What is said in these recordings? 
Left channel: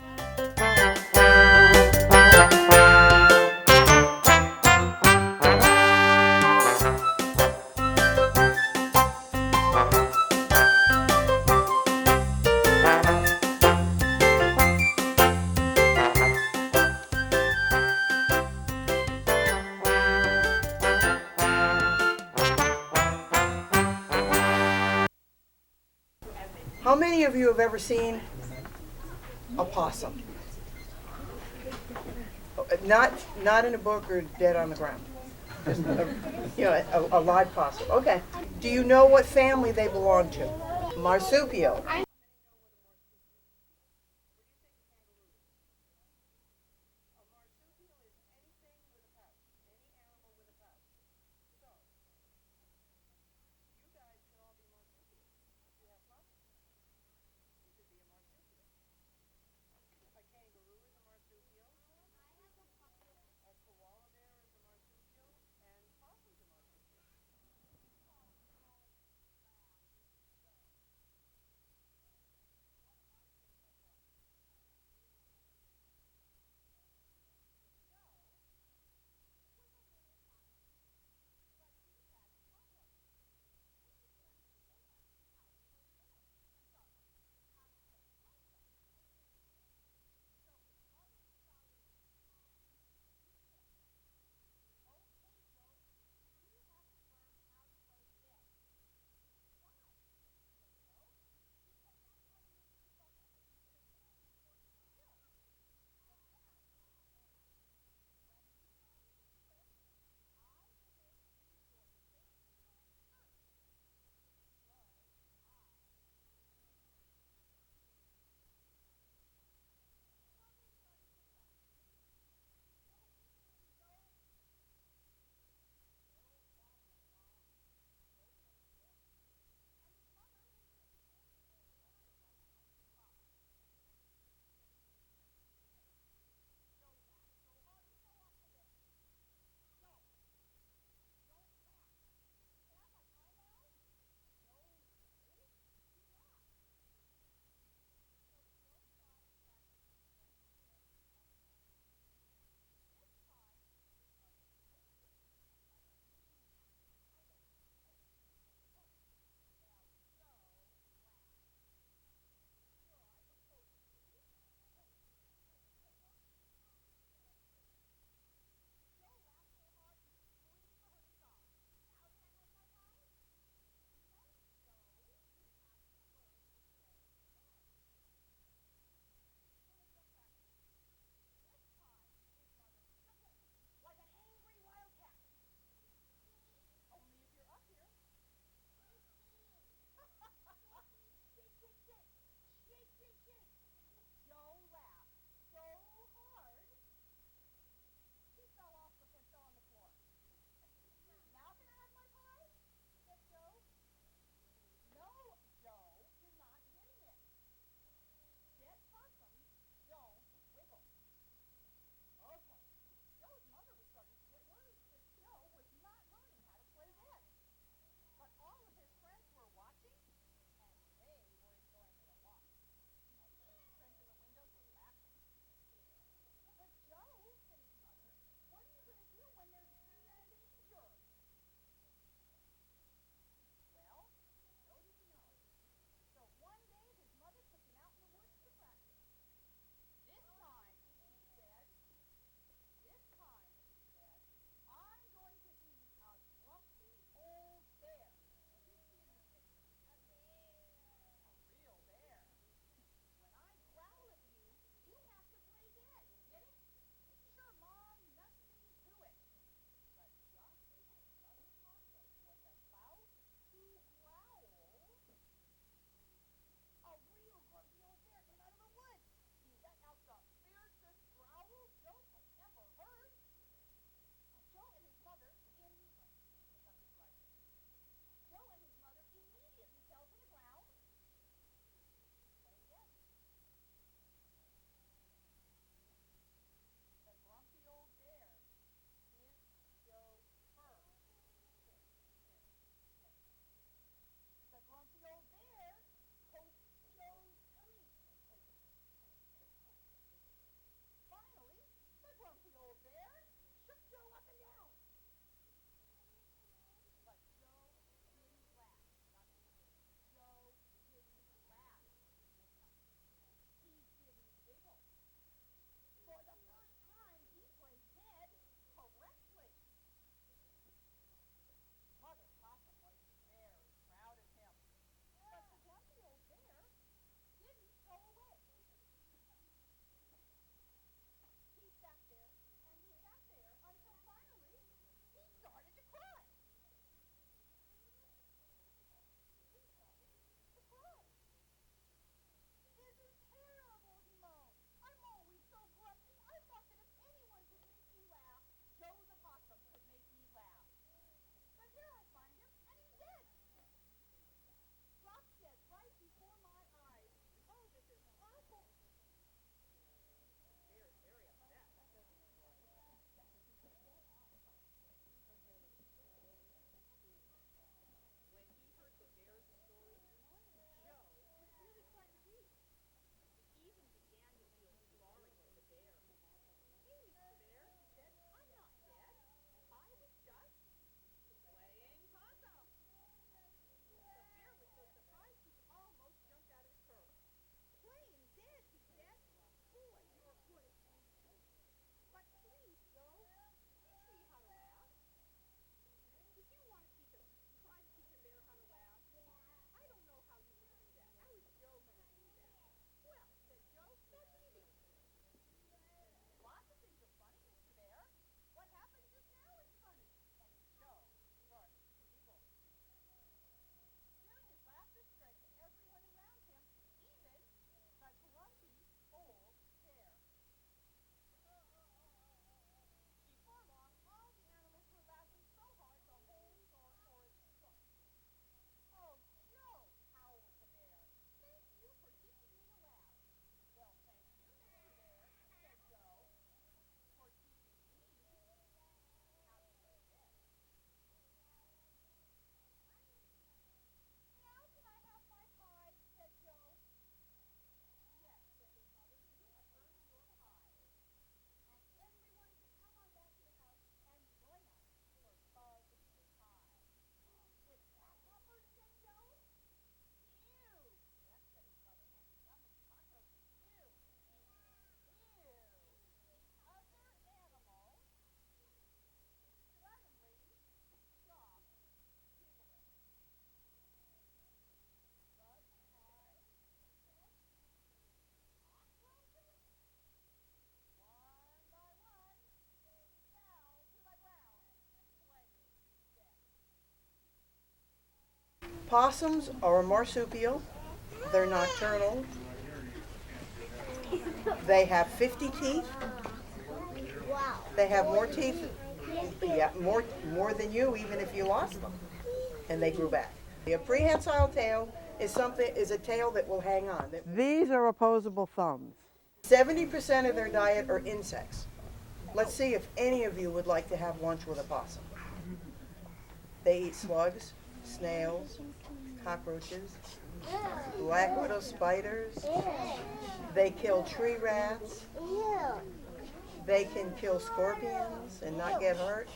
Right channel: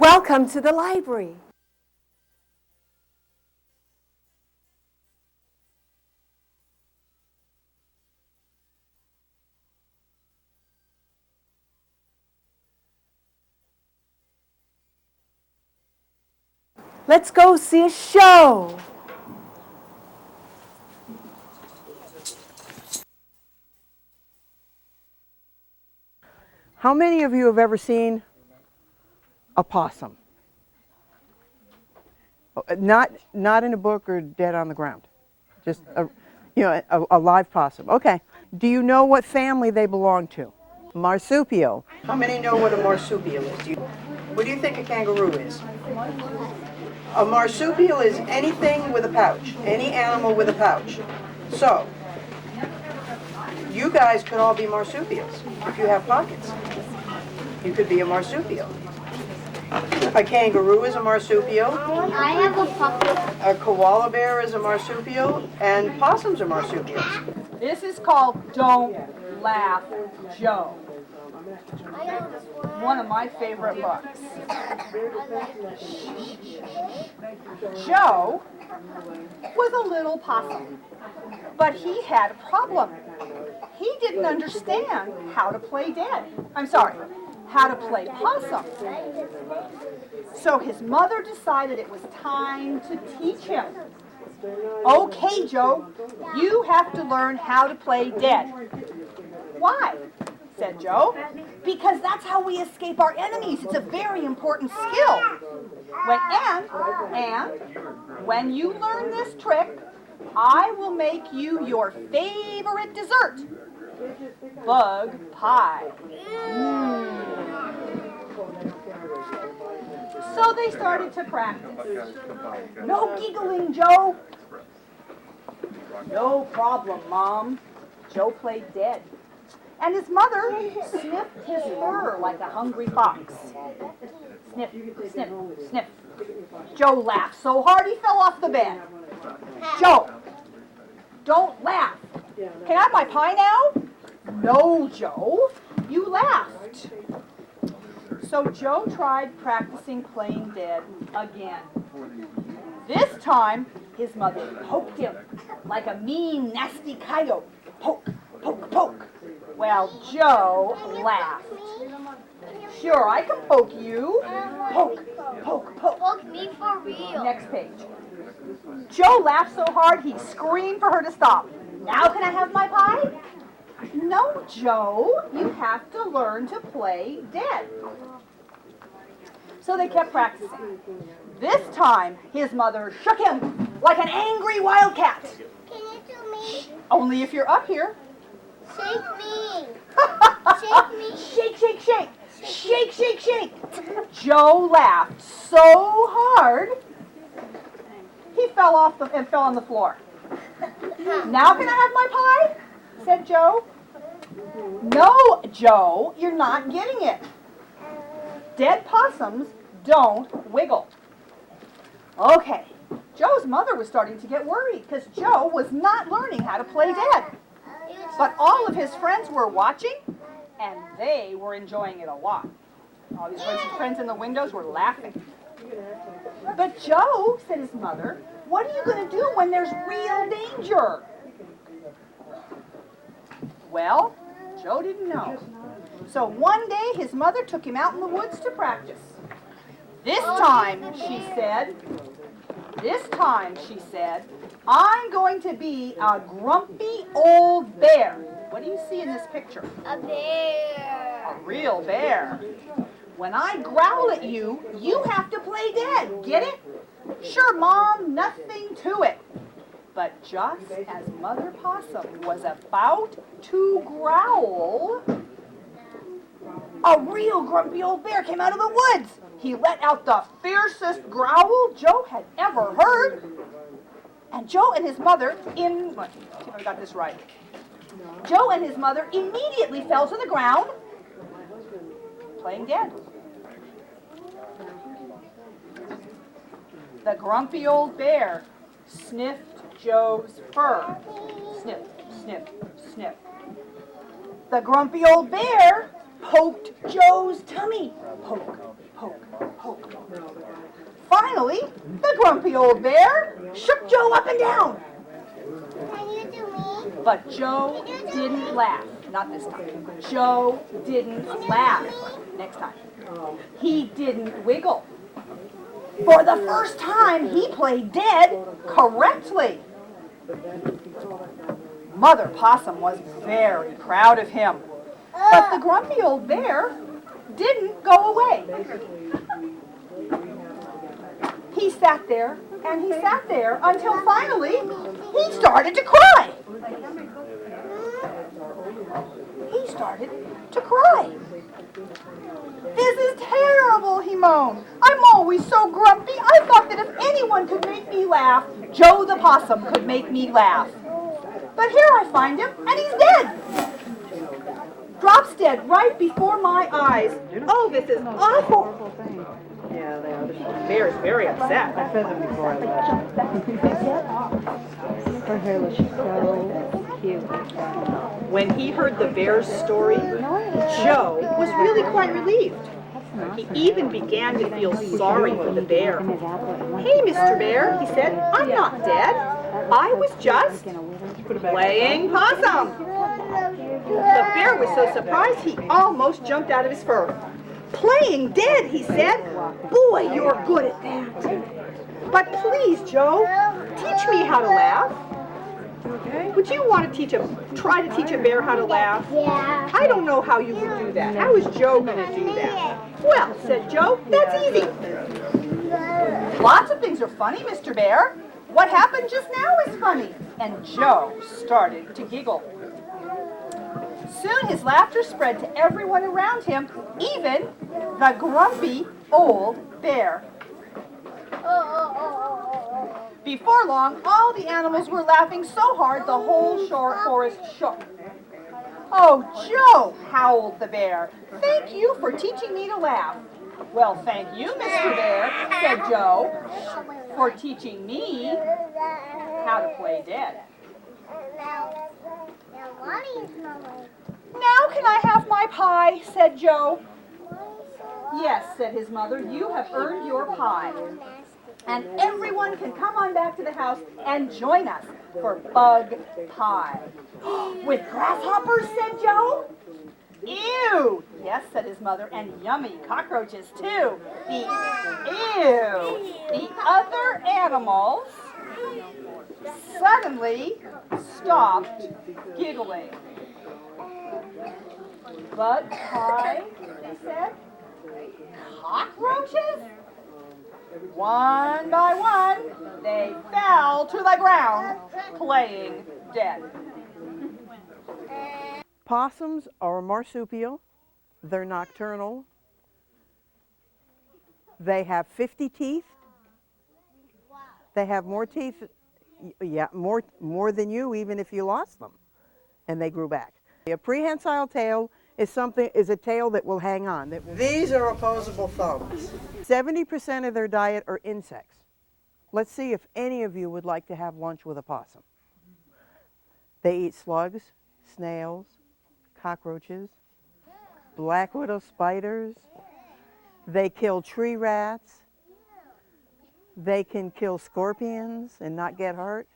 Welcome to the library. Let's go see a show. How many of you have ever seen a possum? Not in a book or dead on the ground. Just a live possum. Okay. Do you know what family they belong to? Marsupial. How many know what a marsupial is? What do you think a kangaroo is? A marsupial is anything with a pouch. Any animal with a pouch. So, you guys could all be marsupials if you have pockets. You could be a marsupial. A kangaroo is a marsupial. I have a pocket. A koala bear is a marsupial, and possums are marsupials. This is called Don't Laugh, Joe. One of my favorite books. Joe was a little possum, but he had a problem. He didn't understand how to play dead. How to play possum. So his mother decided it was time to teach him. Okay, Joe, you have to learn how to play dead. Why? Said Joe. Because that's how we escape our enemies. It's a very important skill. When you learn this trick, I will make you your favorite dessert. Bug pie. So they started to practice. No giggling, Joe. No problem, Mom. Joe played dead. And his mother sniffed his fur like a hungry fox. Sniff, sniff, sniff. Joe laughed so hard he fell off the bed. Joe, don't laugh. Can I have my pie now? No, Joe. You laughed. So Joe tried practicing playing dead again. This time, his mother poked him like a mean, nasty coyote. Poke, poke, poke. Well, Joe laughed. Sure, I can poke you. Poke, poke, poke. Poke me for real. Next page. Joe laughed so hard he screamed for her to stop. Now can I have my pie? No, Joe, you have to learn to play dead. So they kept practicing. This time, his mother shook him like an angry wildcat. Can you do me? Only if you're up here. Shake me. Shake me. Shake, shake, shake. Shake, shake, shake. Joe laughed so hard, he fell on the floor. Now can I have my pie? Said Joe. No, Joe, you're not getting it. Dead possums don't wiggle. Okay, Joe's mother was starting to get worried because Joe was not learning how to play dead. But all of his friends were watching, and they were enjoying it a lot. All his friends in the windows were laughing. But Joe, said his mother, what are you going to do when there's real danger? Well, Joe didn't know. So one day his mother took him out in the woods to practice. This time, she said, I'm going to be a grumpy old bear. What do you see in this picture? A bear. A real bear. When I growl at you, you have to play dead. Get it? Sure, Mom, nothing to it. But just as Mother Possum was about to growl, a real grumpy old bear came out of the woods. He let out the fiercest growl Joe had ever heard. And Joe and his mother, let's see if I got this right. Joe and his mother immediately fell to the ground, playing dead. The grumpy old bear sniffed Joe's fur. Sniff, sniff, sniff. The grumpy old bear poked Joe's tummy. Poke, poke, poke. Finally, the grumpy old bear shook Joe up and down. Can you do me? But Joe didn't laugh. Not this time. Joe didn't laugh. Next time. He didn't wiggle. For the first time, he played dead correctly. Mother Possum was very proud of him. But the grumpy old bear didn't go away. He sat there and he sat there until finally he started to cry. He started to cry. This is terrible, he moaned. I'm always so grumpy. I thought that if anyone could make me laugh, Joe the Possum could make me laugh. But here I find him, and he's dead. Drops dead right before my eyes. Oh, this is awful. Yeah, they are. The bear is very upset. I fed them before I left. Her hair looks so cute. When he heard the bear's story, Joe was really quite relieved. He even began to feel sorry for the bear. Hey, Mr. Bear, he said, I'm not dead. I was just playing possum. The bear was so surprised he almost jumped out of his fur. Playing dead, he said. Boy, you're good at that. But please, Joe, teach me how to laugh. Would you want to try to teach a bear how to laugh? Yeah. I don't know how you would do that. How is Joe going to do that? Well, said Joe, that's easy. Lots of things are funny, Mr. Bear. What happened just now is funny. And Joe started to giggle. Soon his laughter spread to everyone around him, even the grumpy old bear. Before long, all the animals were laughing so hard the whole forest shook. Oh, Joe, howled the bear, thank you for teaching me to laugh. Well, thank you, Mr. Bear, said Joe, for teaching me how to play dead. Now can I have my pie, said Joe. Yes, said his mother, you have earned your pie. And everyone can come on back to the house and join us for bug pie. With grasshoppers, said Joe. Ew! Yes, said his mother, and yummy cockroaches too. The other animals suddenly stopped giggling. Bug pie, they said. Cockroaches? One by one, they fell to the ground, playing dead. Possums are a marsupial. They're nocturnal. They have 50 teeth. They have more teeth, more than you, even if you lost them. And they grew back. A prehensile tail is a tail that will hang on. These are opposable thumbs. 70% of their diet are insects. Let's see if any of you would like to have lunch with a possum. They eat slugs, snails, cockroaches, black widow spiders. They kill tree rats. They can kill scorpions and not get hurt.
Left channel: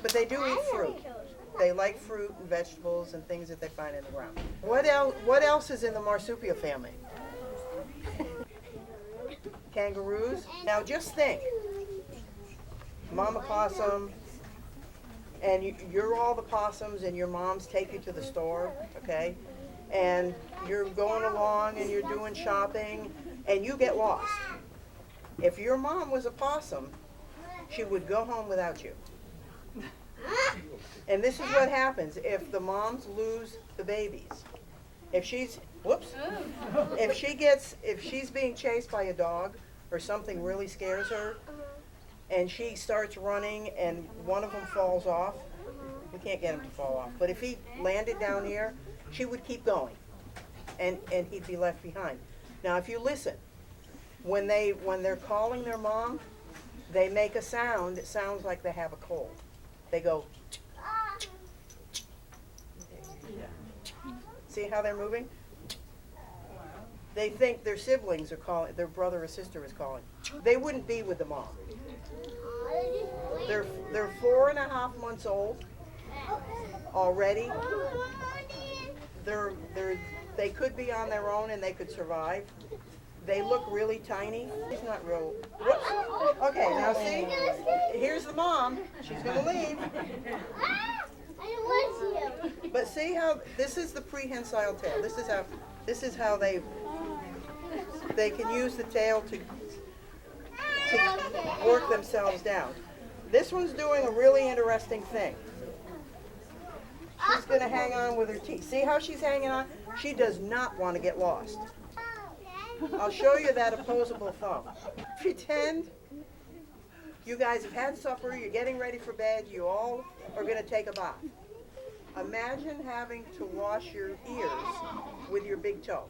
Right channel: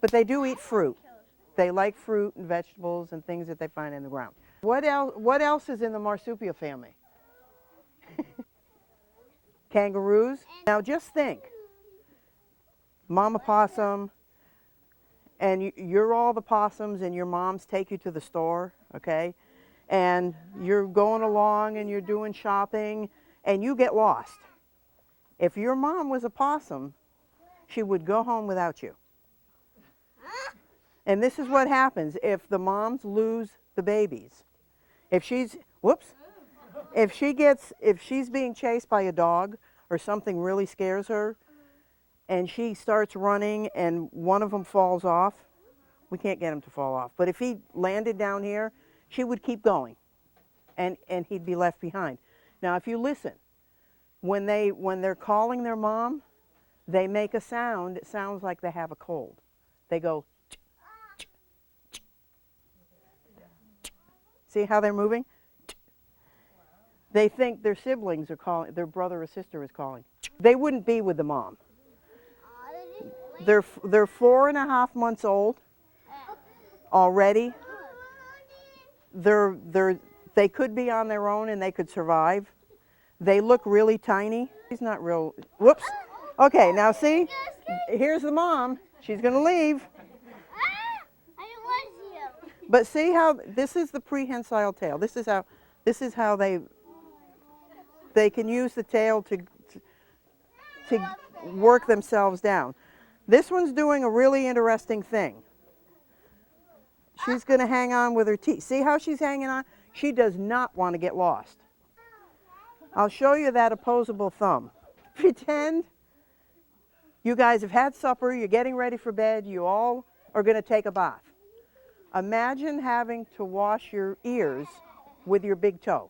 But they do eat fruit. They like fruit and vegetables and things that they find in the ground. What else is in the marsupial family? Kangaroos. Now just think. Mama possum, and you're all the possums, and your moms take you to the store, okay? And you're going along and you're doing shopping, and you get lost. If your mom was a possum, she would go home without you. And this is what happens if the moms lose the babies. If she's being chased by a dog or something really scares her, and she starts running and one of them falls off, we can't get him to fall off. But if he landed down here, she would keep going, and he'd be left behind. Now, if you listen, when they're calling their mom, they make a sound that sounds like they have a cold. They go. See how they're moving? They think their siblings are calling, their brother or sister is calling. They wouldn't be with the mom. They're 4.5 months old already. They could be on their own and they could survive. They look really tiny. She's not real. Whoops. Okay, now see, here's the mom. She's gonna leave. But see how this is the prehensile tail. This is how they can use the tail to work themselves down. This one's doing a really interesting thing. She's going to hang on with her teeth. See how she's hanging on? She does not want to get lost. I'll show you that opposable thumb. Pretend you guys have had supper, you're getting ready for bed, you all are going to take a bath. Imagine having to wash your ears with your big toe.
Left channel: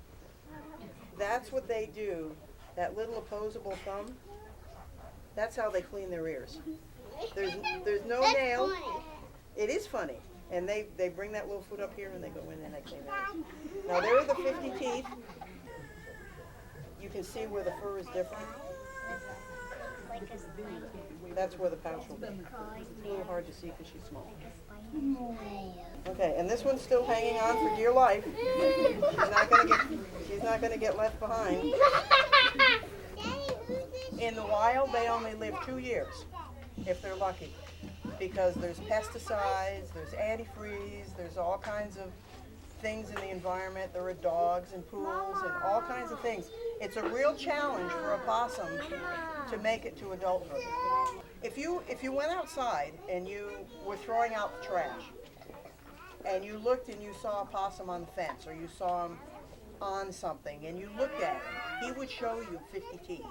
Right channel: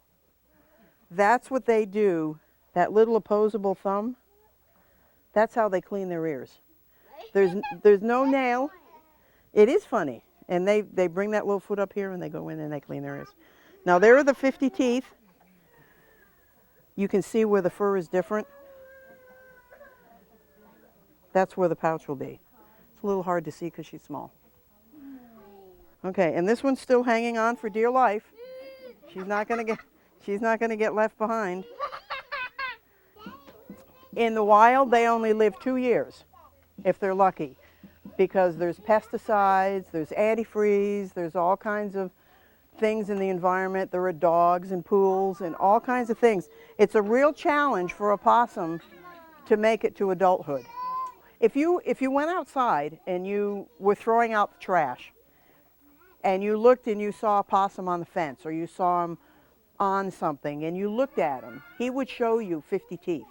That's what they do, that little opposable thumb. That's how they clean their ears. There's no nail. It is funny. And they bring that little foot up here and they go in and they clean their ears. Now there are the 50 teeth. You can see where the fur is different. That's where the pouch will be. It's a little hard to see because she's small. Okay, and this one's still hanging on for dear life. She's not gonna get left behind. In the wild, they only live 2 years, if they're lucky, because there's pesticides, there's antifreeze, there's all kinds of things in the environment. There are dogs and pools and all kinds of things. It's a real challenge for a possum to make it to adulthood. If you went outside and you were throwing out trash and you looked and you saw a possum on the fence or you saw him on something and you looked at him, he would show you 50 teeth.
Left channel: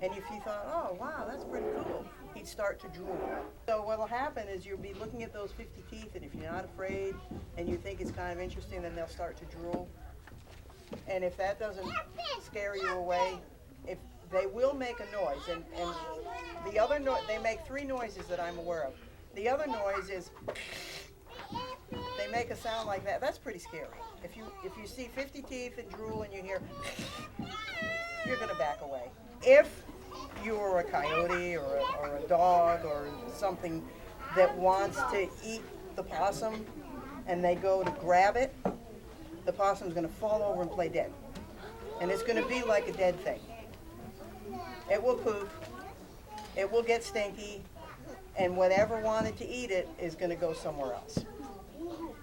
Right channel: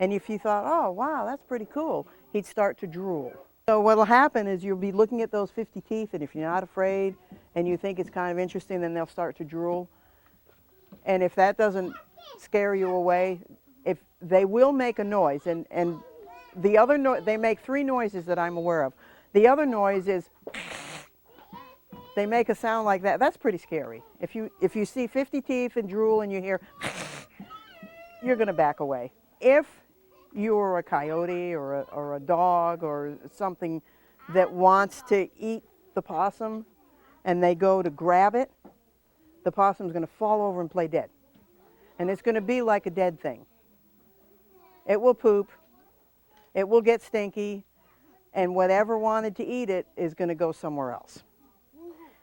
And if you thought, oh, wow, that's pretty cool, he'd start to drool. So what will happen is you'll be looking at those 50 teeth, and if you're not afraid and you think it's kind of interesting, then they'll start to drool. And if that doesn't scare you away, if they will make a noise, and the other they make 3 noises that I'm aware of. The other noise is they make a sound like that. That's pretty scary. If you see 50 teeth and drool and you hear, you're going to back away. If you're a coyote or a dog or something that wants to eat the possum and they go to grab it, the possum's going to fall over and play dead. And it's going to be like a dead thing. It will poop, it will get stinky, and whatever wanted to eat it is going to go somewhere else.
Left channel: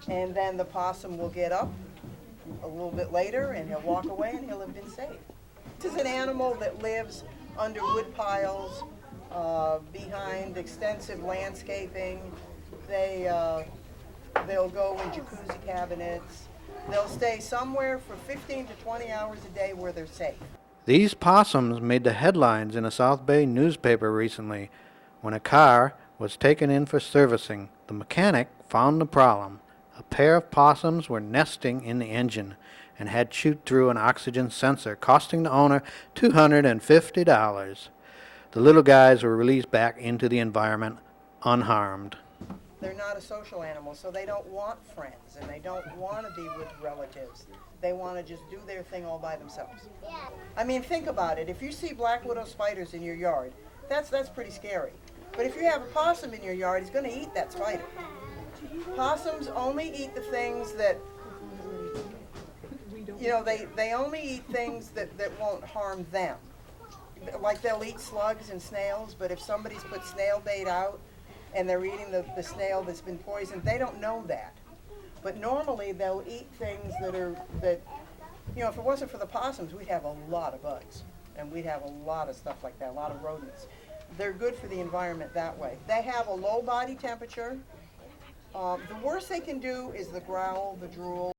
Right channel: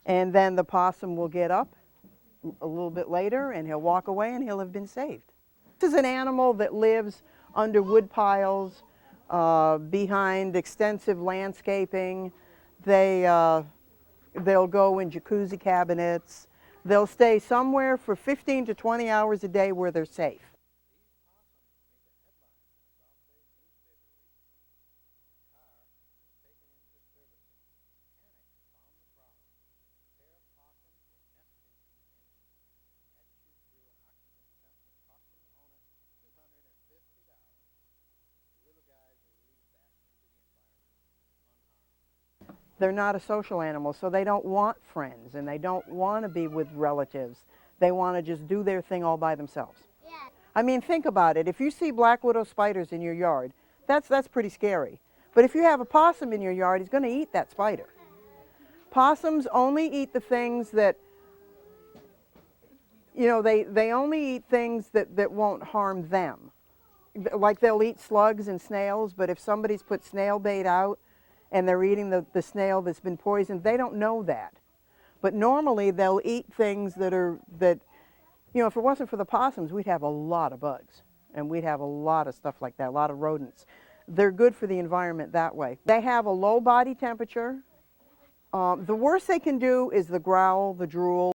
And then the possum will get up a little bit later and he'll walk away and he'll have been saved. This is an animal that lives under wood piles, behind extensive landscaping. They'll go in jacuzzi cabinets. They'll stay somewhere for 15 to 20 hours a day where they're safe. These possums made the headlines in a South Bay newspaper recently. When a car was taken in for servicing, the mechanic found the problem. A pair of possums were nesting in the engine and had chewed through an oxygen sensor, costing the owner $250. The little guys were released back into the environment unharmed. They're not a social animal, so they don't want friends and they don't want to be with relatives. They want to just do their thing all by themselves. I mean, think about it. If you see black widow spiders in your yard, that's pretty scary. But if you have a possum in your yard, he's going to eat that spider. Possums only eat the things that, you know, they only eat things that won't harm them. Like they'll eat slugs and snails, but if somebody's put snail bait out and they're eating the snail that's been poisoned, they don't know that. But normally they'll eat things that, you know, if it wasn't for the possums, we'd have a lot of bugs. And we'd have a lot of stuff like that, a lot of rodents. They're good for the environment that way. They have a low body temperature. The worst they can do is the growl, the drool.